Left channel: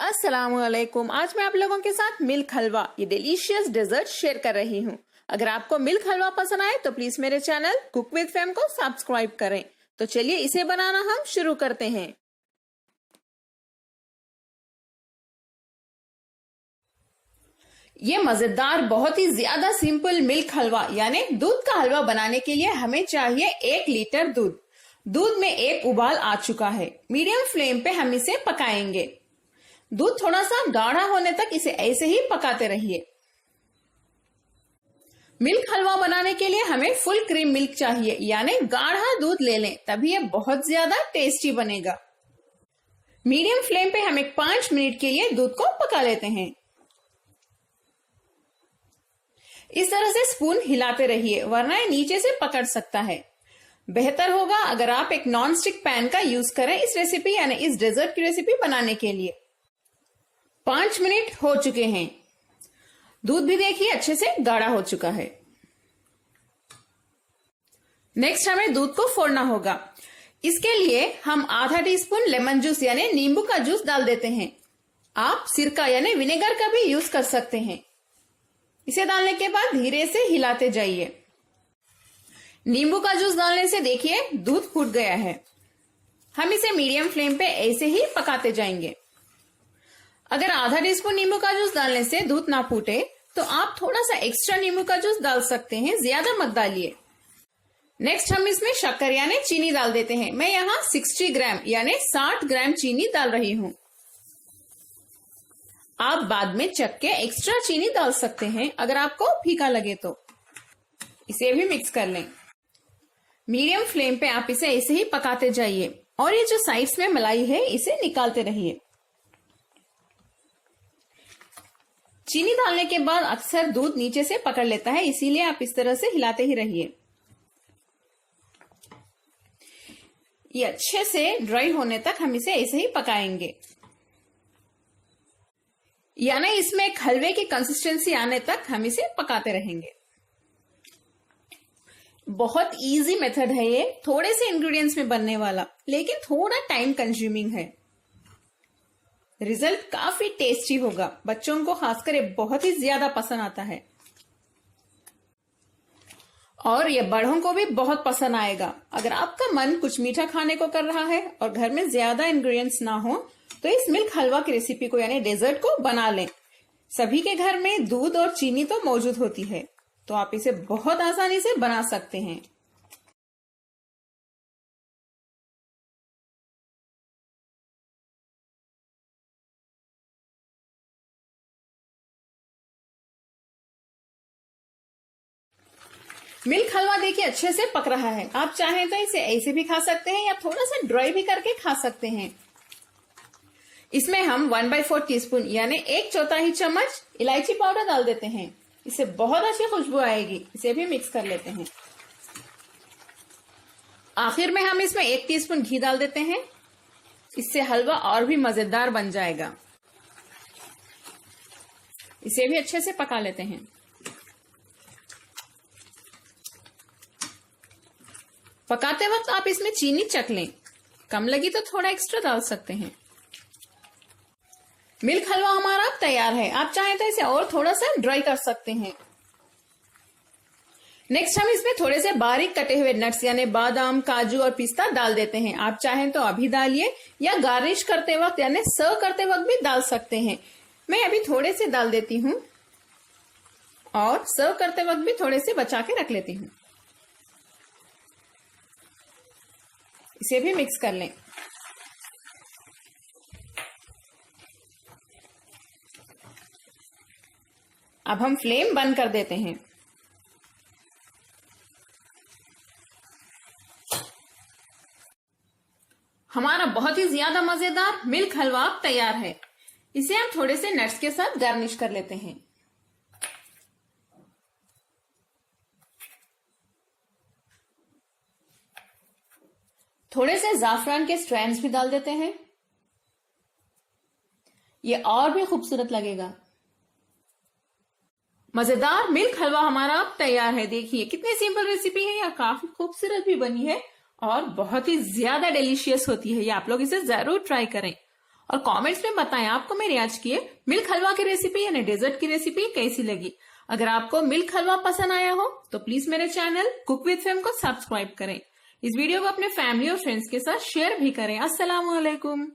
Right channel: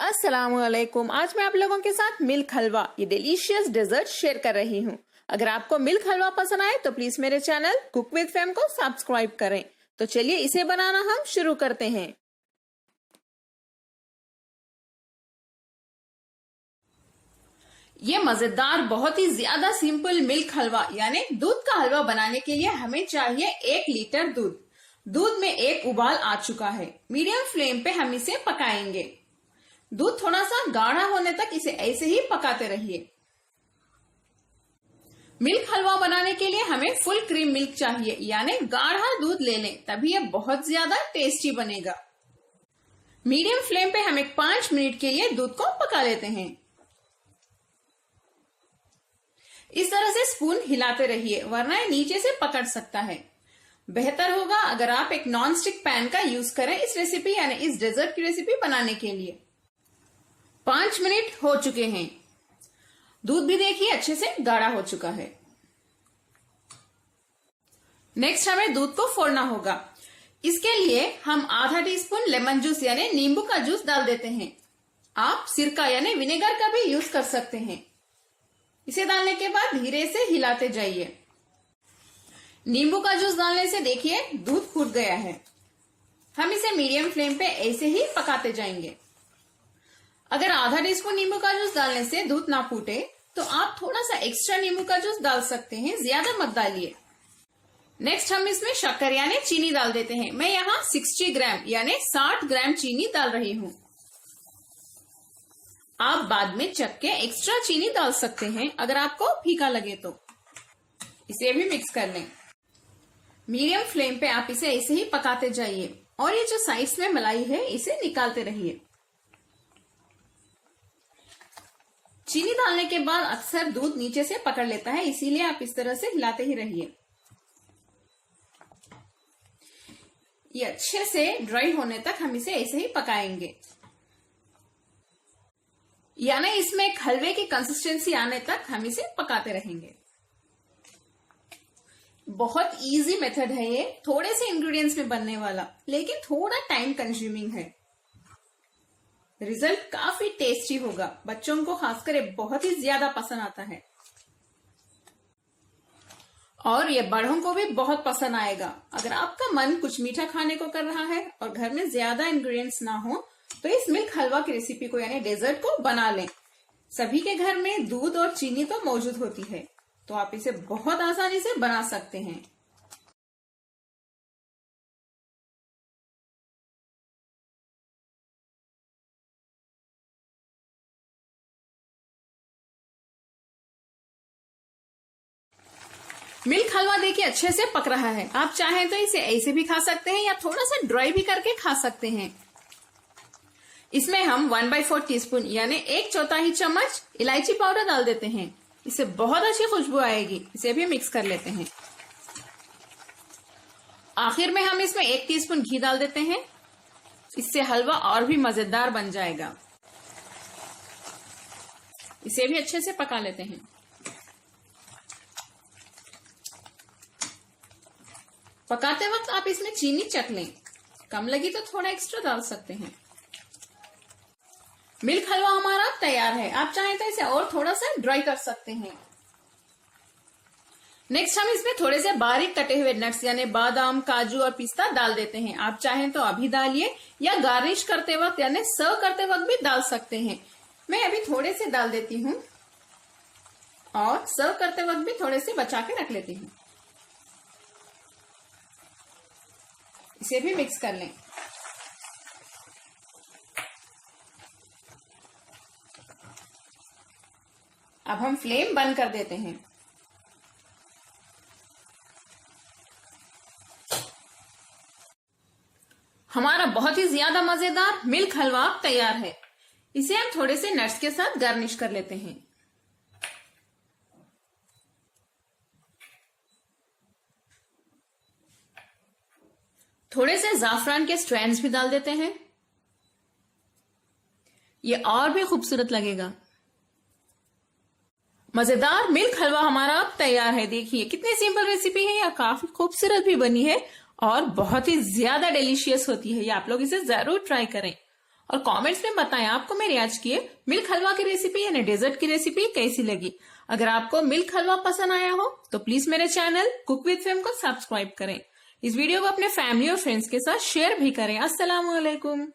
अस्सलामुअलैकुम। आज मैं आप लोगों के साथ मिल्क हलवा ये डिलीशियस डेजर्ट शेयर कर रही हूँ। अगर आपको मिल्क हलवा पसंद आए तो प्लीज मेरे चैनल कुक विद फैम को सब्सक्राइब करें। तो चलिए इसे बनाना हम शुरू करते हैं। ये मजेदार बहुत ही ज्यादा सिंपल मिल्क हलवा यानी दूध का हलवा बनाने के लिए हमें चाहिए 1 लीटर दूध। दूध में एक उबाल आ चुका है। मीडियम फ्लेम पे हम इसे पकाएंगे। दूध थोड़ा सा गाढ़ा होने तक इसे ऐसे ही पकाते रहिए। मिल्क हलवा बनाने के लिए हमें फुल क्रीम मिल्क चाहिए यानी गाढ़ा दूध ले लें, तभी यह बहुत ज्यादा टेस्टी बनेगा। मीडियम फ्लेम पे हम 5 मिनट के लिए दूध को पका लेते हैं। इस तरह से स्पून हिलाते रहिए वरना ये नीचे से पकड़ सकता है। बेहतर होगा अगर आप एक नॉन स्टिक पैन का यूज करें इस रेसिपी यानी इस डेजर्ट की रेसिपी बनाने के लिए। 5 मिनट हो चुके हैं। दूध भी देखिए अच्छे से गाढ़ा हो चुका है। नेक्स्ट हमें दूध को फोड़ना होगा। इसके लिए हम आधा टीस्पून लेमन जूस यानी नींबू का जूस डाल देते हैं। आप सिरका यानी विनेगर का भी यूज कर सकते हैं। इसे डालने के बाद धीरे से हिलाते जाइए। नींबू का जूस डालने से देखिए दूध फूट गया है। हम इसे मीडियम फ्लेम पे ऐसे ही पकाते जाएंगे। अगर आधा टीस्पून नींबू का जूस डालने से दूध ना फूटे तो आप थोड़ा सा एक्स्ट्रा नींबू का जूस डाल सकते हैं, ज्यादा मत डालिए। नेक्स्ट हम इसमें शक्कर यानी चीनी डाल देते हैं। मैं यहाँ 60 ग्राम यानी 60 ग्राम चीनी डाल रही हूँ। आप बाद में चख के एक्स्ट्रा चीनी डाल सकते हैं अगर आपको फीका लगे तो। इसे भी मिक्स कर लें। मीडियम फ्लेम पे आप इसे ऐसे ही पकाते जाइए और ये जो साइड्स में मलाई है इसे निकालते रहिए। चीनी डालने के बाद अक्सर दूध नीचे से पकड़ लेता है, इसीलिए आप इस तरह से हिलाते ही रहिए। ये अच्छे से ड्राई होने तक हम इसे ऐसे ही पकाएंगे यानी इसमें एक हलवे की कंसिस्टेंसी आने तक हम इसे पकाते रहेंगे। बहुत इजी मेथड है ये, थोड़े से इंग्रेडिएंट्स में बनने वाला, लेकिन थोड़ा टाइम कंज्यूमिंग है। रिजल्ट काफी टेस्टी होगा। बच्चों को खासकर ये बहुत ही ज्यादा पसंद आता है और ये बड़ों को भी बहुत पसंद आएगा। अगर आपका मन कुछ मीठा खाने को कर रहा है और घर में ज्यादा इंग्रेडिएंट्स ना हो तो इस मिल्क हलवा की रेसिपी को यानी डेजर्ट को बना लें। सभी के घर में दूध और चीनी तो मौजूद होती है, तो आप इसे बहुत आसानी से बना सकते हैं। मिल्क हलवा देखिए अच्छे से पक रहा है। आप चाहें तो इसे ऐसे भी खा सकते हैं या थोड़ा सा ड्राई भी करके खा सकते हैं। इसमें हम 1/4 टीस्पून यानी 1/4 चम्मच इलायची पाउडर डाल देते हैं। इससे बहुत अच्छी खुशबू आएगी। इसे भी मिक्स कर लेते हैं। आखिर में हम इसमें 1 टीस्पून घी डाल देते हैं। इससे हलवा और भी मजेदार बन जाएगा। इसे भी अच्छे से पका लेते हैं। पकाते वक्त आप इसमें चीनी चख लें, कम लगी तो थोड़ा एक्स्ट्रा डाल सकते हैं। मिल्क हलवा हमारा तैयार है। आप चाहें तो इसे और थोड़ा सा ड्राई कर सकते हैं। नेक्स्ट हम इसमें थोड़े से बारीक कटे हुए नट्स यानी बादाम, काजू और पिस्ता डाल देते हैं। आप चाहें तो अभी डालिए या गार्निश करते वक्त यानी सर्व करते वक्त भी डाल सकते हैं। मैं अभी थोड़े से डाल देती हूँ और सर्व करते वक्त भी थोड़े से बचा के रख लेती हूँ। इसे भी मिक्स कर लें। अब हम फ्लेम बंद कर देते हैं। हमारा बहुत ही ज्यादा मजेदार मिल्क हलवा तैयार है। इसे हम थोड़े से नट्स के साथ गार्निश कर लेते हैं। थोड़े से जाफरान के स्ट्रैंड्स भी डाल देते हैं। ये और भी खूबसूरत लगेगा। मजेदार मिल्क हलवा हमारा अब तैयार है। देखिए कितनी सिंपल रेसिपी है, या काफी खूबसूरत भी बनी है और बहुत ही ज्यादा डिलीशियस होती है। ये आप लोग इसे जरूर ट्राई करें और कमेंट्स में बताएं आपको मेरी आज की मिल्क हलवा की रेसिपी यानी डेजर्ट की रेसिपी कैसी लगी। अगर आपको मिल्क हलवा पसंद आया हो तो प्लीज मेरे चैनल कुक विद फेम को सब्सक्राइब करें। इस वीडियो को अपने फैमिली और फ्रेंड्स के साथ शेयर भी करें। अस्सलाम वालेकुम।